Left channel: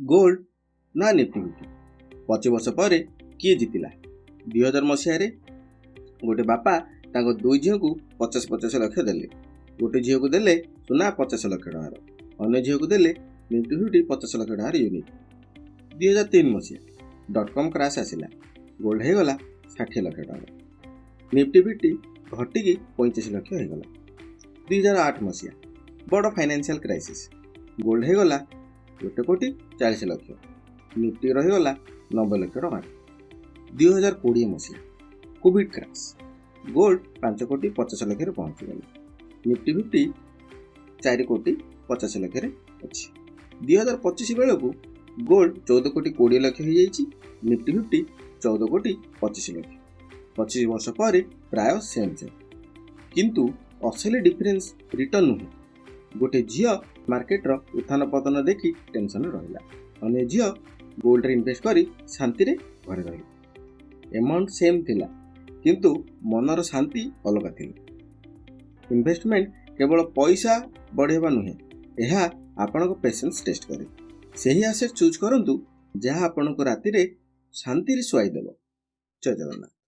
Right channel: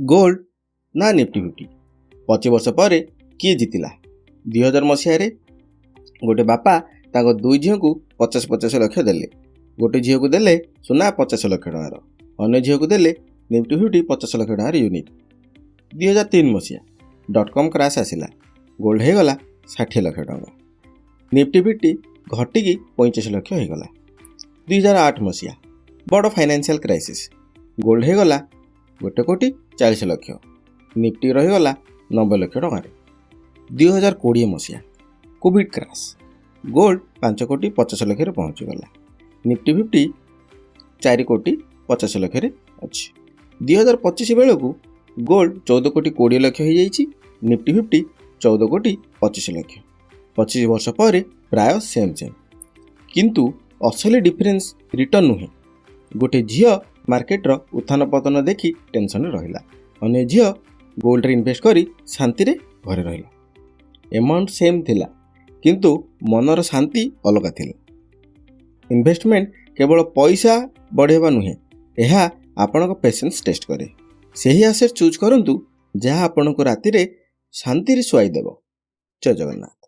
Gold ନା Nifty fifty? 25 ବର୍ଷ ପରେ କିଏ ଜିତିଲା? 2000 ମସିହାରେ ଗୋଟେ ବାପା ତାଙ୍କ ଦୁଇ ଝିଅକୁ 50 ଲକ୍ଷ ଦେଲେ। ଗୋଟେ ଝିଅକୁ ଦେଲେ ସୁନା 50 ଲକ୍ଷ ଟଙ୍କାର, ଅନ୍ୟ ଝିଅକୁ ଦେଲେ ନିଫ୍ଟି ଫିଫ୍ଟି 50 ଲକ୍ଷ ଟଙ୍କାର ୟୁନିଟ୍। 2003 ମସିହା .com କ୍ରାସ୍ ଆସିଲା, ଗୋଲ୍ଡ ହେଇଗଲା 60 ଲକ୍ଷ ଟଙ୍କା, ନିଫ୍ଟି ଫିଫ୍ଟି ଘଟିକି 25 ଲକ୍ଷ ହେଇଗଲା। 2008 ମସିହା ବଡ଼ ଫାଇନାନ୍ସିଆଲ୍ କ୍ରାଇସିସ୍, ଗୋଲ୍ଡ ହେଇଗଲା 1,40 ଲକ୍ଷ, ନିଫ୍ଟି ରହିଗଲା 90 ଲକ୍ଷ ଟଙ୍କାରେ। 2020 ମସିହା କୋଭିଡ୍ କ୍ରାସ୍, ଗୋଲ୍ଡ 5,50 ଲକ୍ଷରେ ପହଞ୍ଚିଗଲା, ନିଫ୍ଟି ଫିଫ୍ଟି 4,50 ଲକ୍ଷରେ ଅଛି। 2025 ବେଳକୁ ଗୋଲ୍ଡ 14,20 ଲକ୍ଷ ହେଇଯାଇଛି, ନିଫ୍ଟି ଫିଫ୍ଟି 14,25 ଲକ୍ଷ। 25 ବର୍ଷ ପରେ ପ୍ରାୟ ସେମ୍। କିନ୍ତୁ ଅସଲି ଡିଫରେନ୍ସ ରିଟର୍ନ ନୁହେଁ। ଗୋଟେ ଝିଅ ମାର୍କେଟର ଉତ୍ଥାନ ପତନ ଦେଖି ଟେନସନରେ ରହିଲା, ଅନ୍ୟ ଝିଅ ଗୋଲ୍ଡରେ ଇନଭେଷ୍ଟ କରି ଶାନ୍ତିରେ ଘରେ ରହିଲା। ଏମାଉଣ୍ଟ ସେମ୍ ଥିଲା, କିନ୍ତୁ ମନର ଶାନ୍ତି ଅଲଗା ଥିଲା। ଇନଭେଷ୍ଟମେଣ୍ଟ କେବଳ ପଇସା ବଢ଼ାଇବା ନୁହେଁ, ଏହା ଆପଣଙ୍କ ପେସେନ୍ସ ଟେଷ୍ଟ କରେ। ସେହି ଆସେଟ୍ ଚୁଜ୍ କରନ୍ତୁ ଯାହା ଆପଣଙ୍କୁ ରାତିରେ ଶାନ୍ତିରେ ଶୁଆଇ ଦେବ। ଜୟ ଜଗନ୍ନାଥ।